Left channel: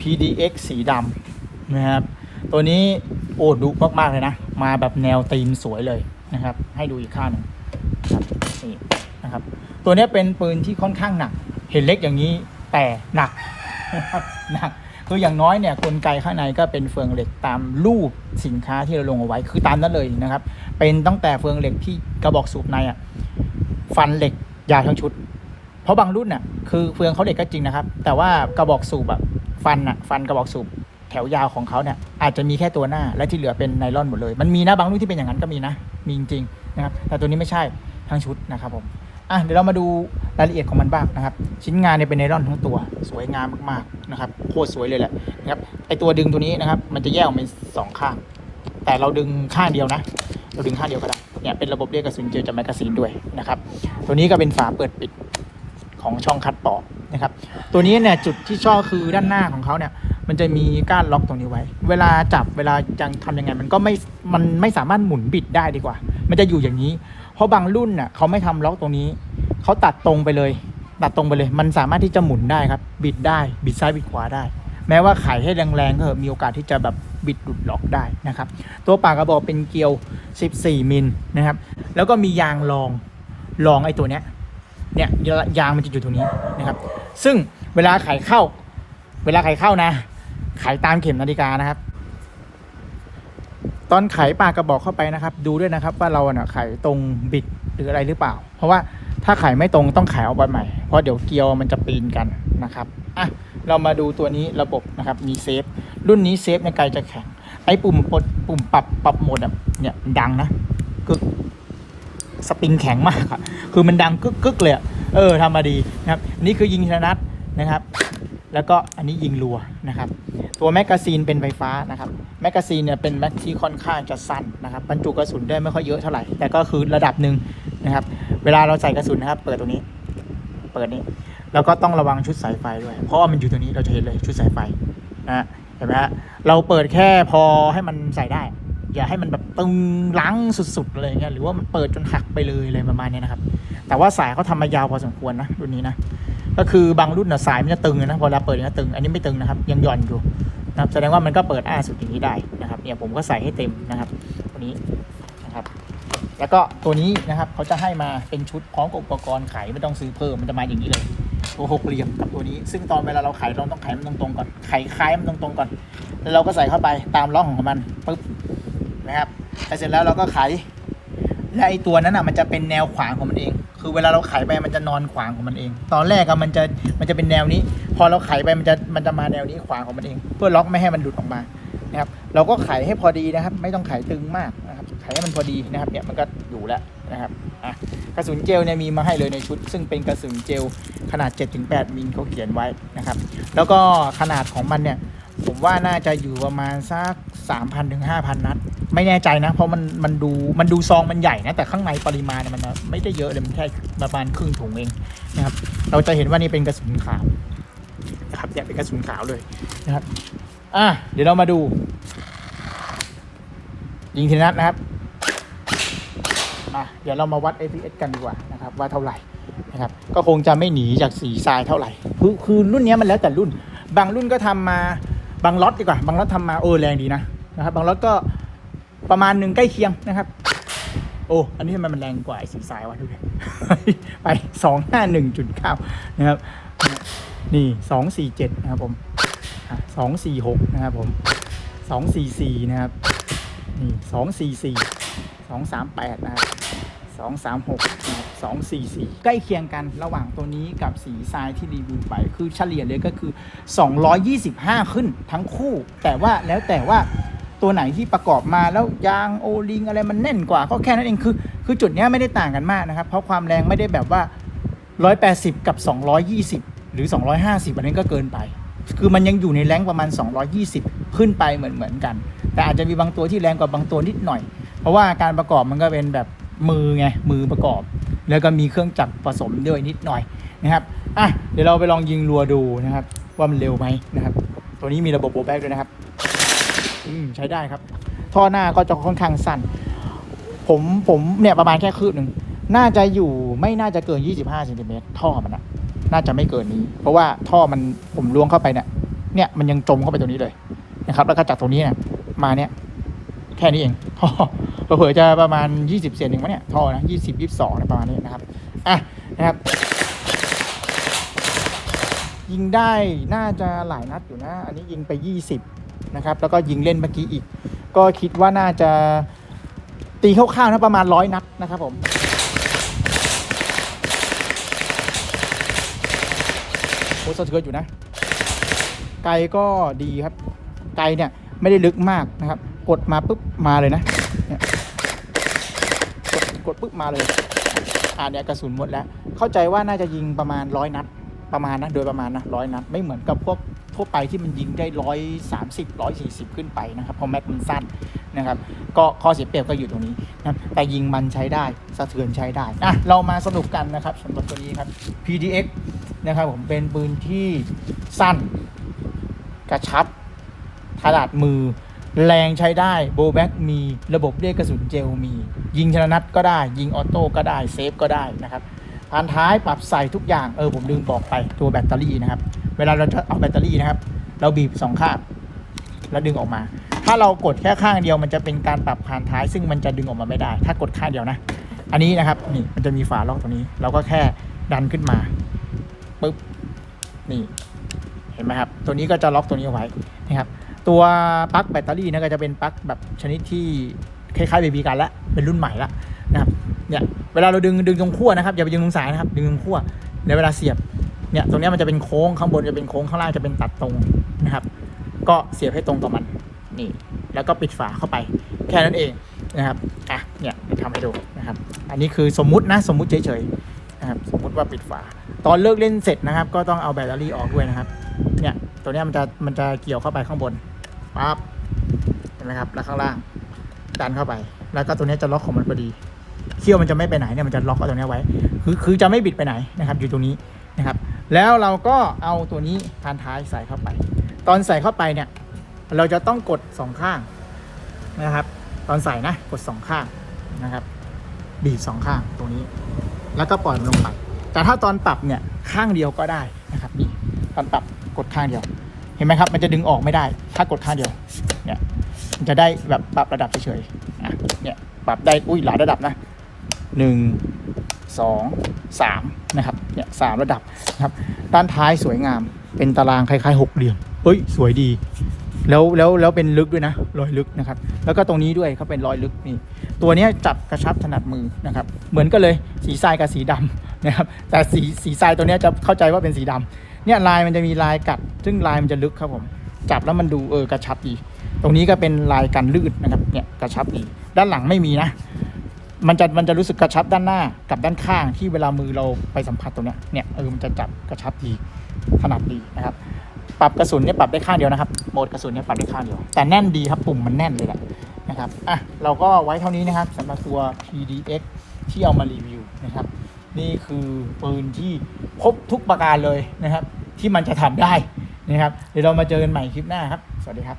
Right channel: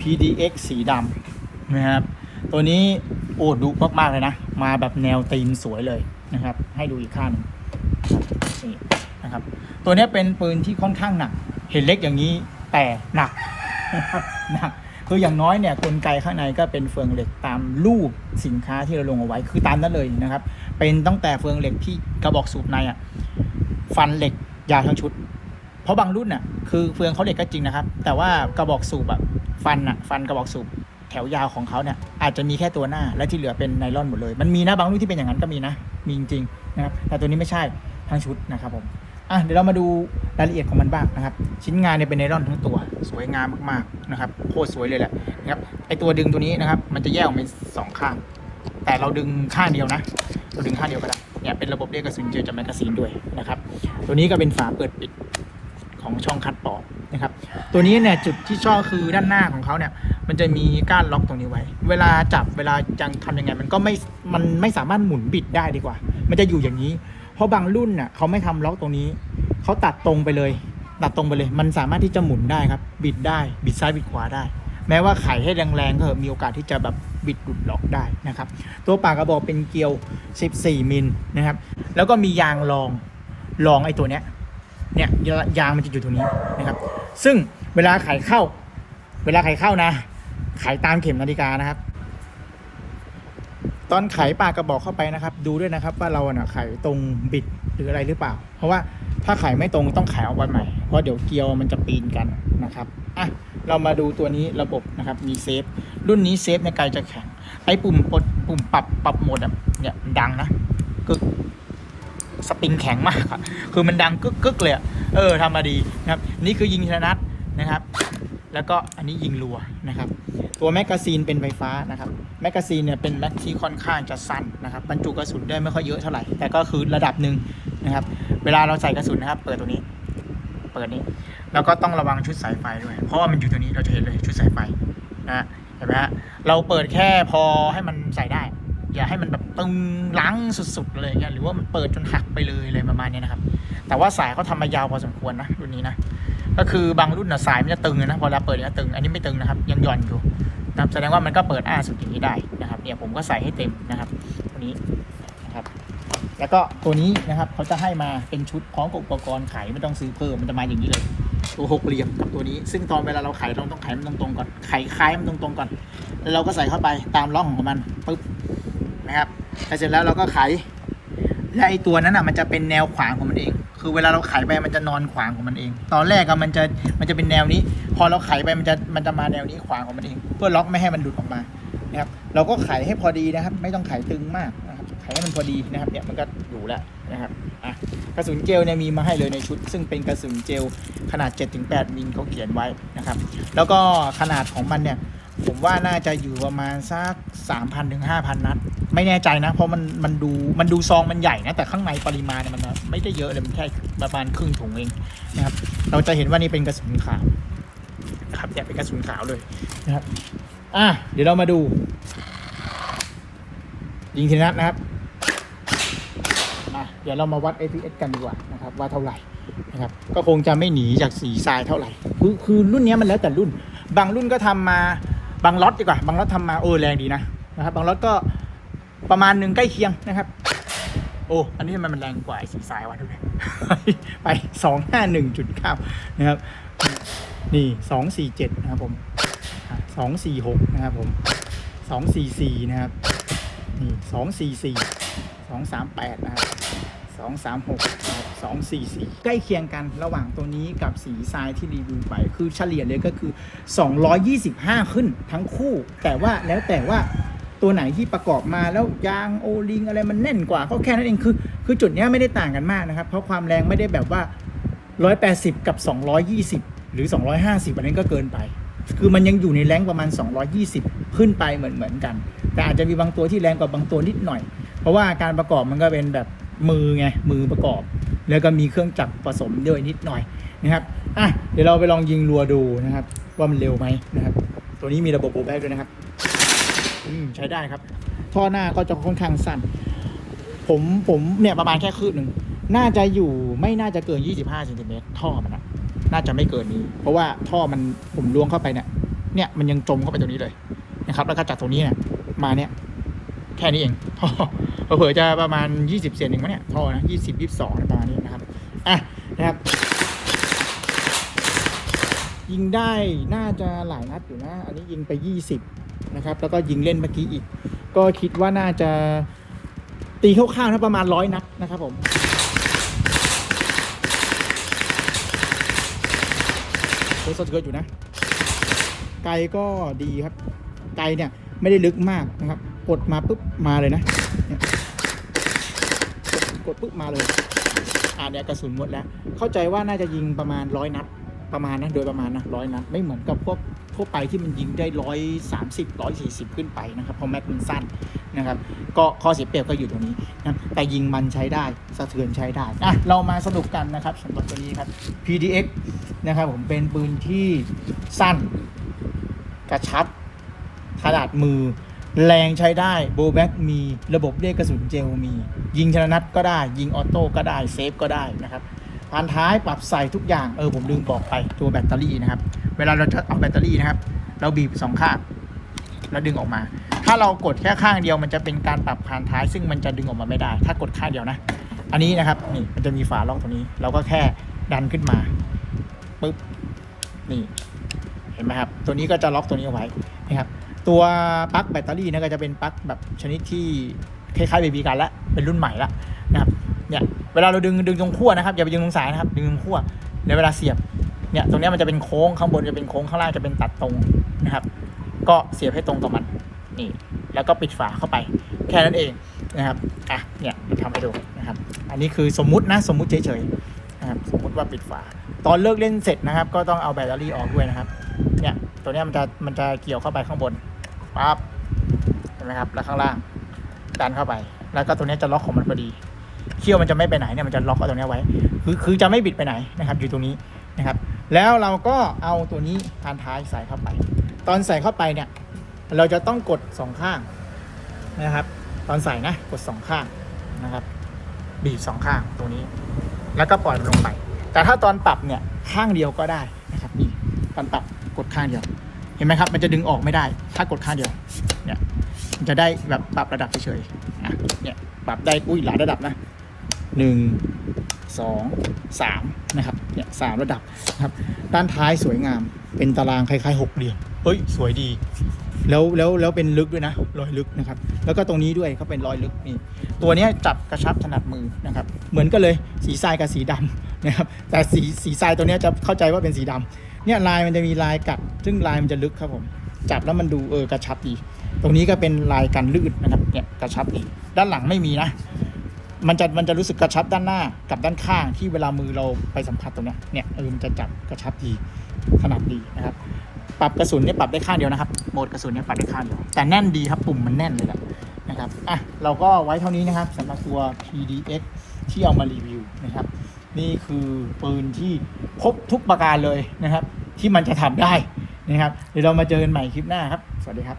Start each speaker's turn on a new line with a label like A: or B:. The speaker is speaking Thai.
A: PDX สีดำนะครับ ตัวนี้โอ้ดุมากๆเลยนะ มาแบบแนวตีนสวยเลยนะครับ ให้ดูอีกข้างหนึ่งนี่นะครับ ตัวนี้เป็นปืนที่ค่อนข้างหนัก เห็นเล็กอย่างนี้แต่หนักหนักคืออย่างน้อยเนี่ยกลไกข้างในก็เป็นเฟืองเหล็กตามรูปสินค้าที่เราลงเอาไว้คือตามนั้นเลยนะครับ เป็นตั้งแต่เฟืองเหล็กที่กระบอกสูบในอะฟันเหล็กยาวทั้งชุด เพราะบางรุ่นอะคือเฟืองเขาเหล็กก็จริงนะครับ แต่ว่ากระบอกสูบอะ ฟันอะฟันกระบอกสูบแถวยาวของเขาเนี่ยอาจจะมีแค่ตัวหน้าและที่เหลือเป็นไนล่อนหมดเลย มันมีนะบางรุ่นที่เป็นอย่างนั้นก็มีนะมีจริงๆนะครับแต่ตัวนี้ไม่ใช่ทั้งชุดนะครับผมอะเดี๋ยวเรามาดูรายละเอียดของมันบ้างนะครับ ชิ้นงานเนี่ยเป็นไนล่อนทั้งตัว สวยงามมากๆนะครับโคตรสวยเลยแหละนะครับไอตัวดึงตัวนี้นะครับ มันจะแยกออกเป็นสองข้างแต่เราดึงข้างเดียวนะ เราดึงข้างเดียวก็ได้เนี่ยเป็นระบบเรียกกระสุนเจอจากแมกกาซีนด้วยนะครับ ตัวนี้ก็เป็นฝาเปิดปิด ของช่องคัดต่อนะครับ ตัวนี้เนี่ยจุดที่ชอบคือด้านหน้าของเขาเนี่ยมันจะมีก้านล็อกตรงนี้ไว้ เวลาจับเวลาจังทำยังไง มันก็ไม่มันไม่สามารถหมุนบิดได้ดีกว่า มันจะอยู่อย่างนี้ เพราะบางรุ่นน่ะเขาไม่ทำล็อกตรงนี้เขาตัดตรงไปเลย ตัดตรงไปเลย มันสามารถที่จะหมุนได้ครับ บิดได้บิดซ้ายบิดขวาได้ แม้ว่าไขให้แรงๆก็เถอมีโอกาสที่จะแบบบิดหลุดล็อกได้นะครับ ตัวปากกระบอกเป็นเกลียว 14 มิลนะครับแล้วก็มียางรองรองไอ้ตัวเนี้ย เนี่ยยางมันจะอยู่ตรงนี้นะครับ ซึ่งเวลาไขเข้า เวลาไขเข้านะไขตามเข็มนาฬิกานะครับ ตอนไขปากกระบอกเข้าไปนะครับ ดูด้วยนะครับ ว่าเราน่ะไขตรงบิดหรืออะไรหรือเปล่า เพราะว่าถ้าไขไม่ตรงต้องไขออกมาใหม่เพราะเดี๋ยวเกลียวมันจะปีนกันนะครับอะเรามาดูตัวนี้ระบบนะครับมีเซฟรุ่นนี้เซฟในไกลจะแข็งไอ้ปุ่มปดปุ่มปรับปรับโหมดเนี่ยมันดังนะกึก สปริงแข็งมาก คือมันดังกึกกึกเลยเออทำมาดีนะครับนี่คือยิงธนัดนะครับ แล้วก็อันนี้ยิงรัวนะครับ ตัวแมกกาซีนเป็นไฟฟ้านะครับแมกกาซีนเนี่ยเป็นแม็กที่ค่อนข้างจะสั้นนะครับบรรจุกระสุนได้ไม่ค่อยเยอะเท่าไหร่ แต่ก็คือระดับหนึ่งนะครับ เวลาเราใส่กระสุนนะครับ เปิดตรงนี้ เปิดนี้แล้วก็ต้องระวังชุดสายไฟด้วย เพราะว่ามันอยู่ตรงนี้เราจะเห็นเลยชุดสายไฟนะฮะเห็นไหมฮะเราเปิดแค่พอให้มันใส่ได้ อย่าให้มันแบบตึงล้างสุดๆอะไรเงี้ยหรือว่ามันเปิดจนหักไปเลยอะไรประมาณนี้นะครับ แต่ว่าสายเขาทำมายาวพอสมควรนะรุ่นนี้นะก็คือบางรุ่นนะสายมันจะตึงนะเวลาเปิดเนี่ยตึง อันนี้ไม่ตึงนะครับ ยังหย่อนอยู่นะแสดงว่ามันก็เปิดอ้าสุดอย่างนี้ได้นะครับเนี่ยผมก็ใส่ให้เต็มนะครับตัวนี้นะครับ แล้วก็ตัวนี้นะครับเขาจะให้มาเป็นชุดพร้อมกับอุปกรณ์ไขไม่ต้องซื้อเพิ่มมันจะมาอย่างนี้เลยตัวหกเหลี่ยมกับตัวนี้ ซึ่งตอนเวลาเราไขเราต้องไขมันตรงๆก่อนไขคล้ายมันตรงๆก่อนแล้วเราก็ใส่เข้าไปตามร่องของมันปึ๊บ นะครับแล้วเสร็จแล้วเราก็ไข และไอตัวนั้นอะมันจะเป็นแนวขวางของมันเอง คือเวลาเราไขไปมันจะนอนขวางของมันเอง ตอนแรกอะมันจะมันจะเป็นแนวนี้ พอเราไขไปมันจะมันจะมาแนวนี้ขวางของมันเอง เพื่อล็อกไม่ให้มันหลุดออกมานะครับ เราก็ไขให้พอดีนะครับ ไม่ต้องไขตึงมากนะครับ ไขให้มันพอดีนะครับเนี่ยมันก็อยู่แล้วนะครับอะกระสุนเจลเนี่ยมีมาให้เลยในชุด ซึ่งเป็นกระสุนเจลขนาด 7-8มิลเขาเขียนไว้นะครับ แล้วก็ขนาดของมันเนี่ยผมว่าน่าจะอยู่ประมาณสักสามพันถึงห้าพันนัด ไม่แน่ใจนะ เพราะมันมันดูมันดูซองมันใหญ่นะแต่ข้างในปริมาณมันไม่ได้เยอะเลยมันแค่ประมาณครึ่งถุงเองนะครับ เราจะเห็นว่านี่เป็นกระสุนขาวครับเนี่ยเป็นกระสุนขาวเลยนะครับ อะเดี๋ยวเรามาดู ยิงทีนัดนะครับมาเดี๋ยวเรามาวัด APS กันดีกว่านะครับว่าเท่าไหร่นะครับก็คงจะไม่หนีจากสีทรายเท่าไหร่คือคือรุ่นเนี้ยมันแล้วแต่รุ่น บางรุ่นก็ทำมาบางล็อตดีกว่า บางล็อตทำมาเออแรงดีนะนะครับบางล็อตก็ ประมาณหนึ่งใกล้เคียงนะครับ โอ้ อันนี้ทำไมมันแรงกว่าไอ้สีทรายวะทุกท่านไปสองห้าหนึ่งจุดเก้านะครับ นี่สองสี่เจ็ดนะครับผมสองสี่หกนะครับผมสองสี่สี่นะครับนี่สองสี่สี่สองสามแปดนะครับสองสามหกนะครับสองสี่สี่ใกล้เคียงกันระหว่างตัวนี้กับสีทรายที่รีวิวไป คือเฉลี่ยเลยก็คือ 225 ขึ้นทั้งคู่ แต่ว่าแล้วแต่ว่า ตัวไหนที่ประกอบมาแล้วยางโอลิงอะไรมันแน่นกว่าก็แค่นั้นเองคือ คือจุดนี้ไม่ได้ต่างกันมากนะครับ เพราะความแรงไม่ได้แบบว่า 180 กับ 220 หรือ 250อันนี้ก็เกินไป คือมันยังอยู่ในแรงประมาณ 220 ขึ้นไปเหมือนเหมือนกัน แต่อาจจะมีบางตัวที่แรงกว่าบางตัวนิดหน่อย เพราะว่าการประกอบมันก็เป็นแบบมือไงมือประกอบ แล้วก็มีเครื่องจักรผสมด้วยนิดหน่อยนะครับอะเดี๋ยวเราไปลองยิงรัวดูนะครับ ว่ามันเร็วไหมนะครับ ตัวนี้มีระบบโบแบกด้วยนะครับ อืมใช้ได้ครับ ท่อหน้าก็จะค่อนข้างสั้น ผมผมเนี่ยประมาณแค่คืบหนึ่งน่าจะอยู่ไม่น่าจะเกิน 25เซนติเมตรท่อมันอะน่าจะไม่เกินนี้ เพราะว่าท่อมันผมล้วงเข้าไปเนี่ย เนี่ยมันยังจมเข้าไปตรงนี้เลยนะครับ แล้วก็จากตรงนี้เนี่ยมาเนี่ยแค่นี้เองท่อเผื่อจะประมาณ 20 เซนเองมั้งเนี่ยท่อนะ20 22นะประมาณนี้นะครับอะนะครับ ยิงได้น่าจะหลายนัดอยู่นะ อันนี้ยิงไป 20 นะครับ แล้วก็ยิงเล่นเมื่อกี้อีก ก็คิดว่าน่าจะตีคร่าวๆนะประมาณร้อยนัดนะครับผมโคสะเทือนอยู่นะ ไกลก็ดีครับ ไกลเนี่ยไม่ได้ลึกมากนะครับ กดมาปุ๊บมาเลยนะนกดกดปุ๊บมาเลยอ่าเนี่ยกระสุนหมดแล้ว เข้าใจว่าน่าจะยิงประมาณร้อยนัดประมาณนะโดยประมาณนะร้อยนัดไม่เหมือนกับพวก ทั่วไปที่มันยิงได้ร้อยสามสิบร้อยสี่สิบขึ้นไปนะครับเพราะแม็กมันสั้นนะครับก็ข้อเสียเปรียบก็อยู่ตรงนี้นะแต่ยิงมันใช้ได้สะเทือนใช้ได้อะเรามาสรุปกันนะครับสำหรับตัวนี้ครับ PDX นะครับผมเป็นปืนที่สั้นกระชับขนาดมือ แรงใช้ได้โบแบ็กมีระบบเรียกกระสุนเจลมี ยิงชนนัดก็ได้ ยิงออโต้ก็ได้ เซฟก็ได้นะครับ พานท้ายปรับใส่ทุกอย่าง เออผมลืมบอกไปตัวแบตเตอรี่นะครับ เวลาเราจะเอาแบตเตอรี่นะครับ เราบีบสองข้างแล้วดึงออกมา ถ้าเรากดแค่ข้างเดียวมันจะเป็นการปรับพานท้าย ซึ่งมันจะดึงออกมาไม่ได้ ถ้ากดข้างเดียวนะ อันนี้นะครับนี่มันจะมีฝาล็อกตรงนี้ เราก็แค่ดันขึ้นมาปึ๊บนี่เห็นไหมครับ ตัวนี้ก็จะล็อกตัวนี้เอาไว้นะครับ ตัวปลั๊กแบตเตอรี่นะก็จะเป็นปลั๊กแบบชนิดที่คล้ายๆเบบีกันแล้วเป็นรุ่นใหม่ล้วนะครับเนี่ย เวลาเราดึงดึงตรงขั้วนะครับอย่าไปดึงตรงสายนะครับ ดึงตรงขั้วในเวลาเสียบเนี่ยตรงนี้มันจะเป็นโค้งข้างบนจะเป็นโค้งข้างล่างจะเป็นตัดตรงนะครับ ก็เสียบให้ตรงกับมันนี่แล้วก็ปิดฝาเข้าไป แค่นั้นเองนะครับอะเนี่ยทำให้ดูนะครับ อันนี้คือสมมุตินะสมมุติเฉยๆนะครับสมมุติว่าปิดฝา ตอนเลิกเล่นเสร็จนะครับ ก็ต้องเอาแบตเตอรี่ออกด้วยนะครับเนี่ยตัวนี้มันจะมันจะเกี่ยวเข้าไปข้างบนปั๊บนะครับแล้วข้างล่างดันเข้าไป แล้วก็ตัวนี้จะล็อกของมันพอดี เขี้ยวมันจะไม่ไปไหนเนี่ยมันจะล็อกเอาตรงนี้ไว้ คือคือจะไม่บิดไปไหนนะครับ อยู่ตรงนี้นะครับ แล้วเราก็เอาตัวนี้พานท้ายใส่เข้าไป ตอนใส่เข้าไปเนี่ย เราจะต้องกดสองข้างนะครับ ตอนใส่นะกดสองข้างนะครับ บีบสองข้างตรงนี้ แล้วก็ปล่อยมันลงไปแต่ถ้าตอนปรับเนี่ยข้างเดียวก็ได้นะครับนี่ตอนปรับกดข้างเดียว เห็นไหมครับ มันจะดึงออกไม่ได้ ถ้ากดข้างเดียวเนี่ยมันจะได้แบบปรับระดับเฉยๆอะเนี่ยปรับได้อุ้ยหลายระดับนะ หนึ่งสองสามนะครับเนี่ยสามระดับนะครับ ด้านท้ายสวยงามเป็นตารางคล้ายๆหกเหลี่ยมเฮ้ยสวยดี แล้วแล้วแล้วเป็นลึกด้วยนะรอยลึกนะครับ แล้วก็ตรงนี้ด้วยเขาเป็นรอยลึกนี่ตัวนี้จับกระชับถนัดมือนะครับ เหมือนกันเลยสีทรายกับสีดำนะครับ แต่สีสีทรายตัวนี้จะเข้าใจว่าเป็นสีดำเนี่ยลายมันจะมีลายกัด ซึ่งลายมันจะลึกครับผมจับแล้วมันดูเออกระชับดี ตรงนี้ก็เป็นลายกันลื่นนะครับเนี่ยกระชับดี ด้านหลังไม่มีนะ มันจะมันจะรู้สึกกระชับด้านหน้ากับด้านข้างที่เวลามือเราไปสัมผัสตรงเนี้ยเนี่ยเออมันจะจับกระชับดีถนัดดีนะครับ ปรับกระสุนเนี่ยปรับได้ข้างเดียวนะครับโหมดกระสุนเนี่ยปรับได้ข้างเดียวแต่แน่นดีครับปุ่มมันแน่นเลยแหละนะครับอะเราก็ไว้เท่านี้นะครับสำหรับตัว PDX ที่เอามารีวิวนะครับ นี่คือปืนที่ครบทุกประการเลยนะครับ ที่มันจะทำได้นะครับ เดี๋ยวเรามาเจอกันใหม่คลิปหน้าครับ สวัสดีครับ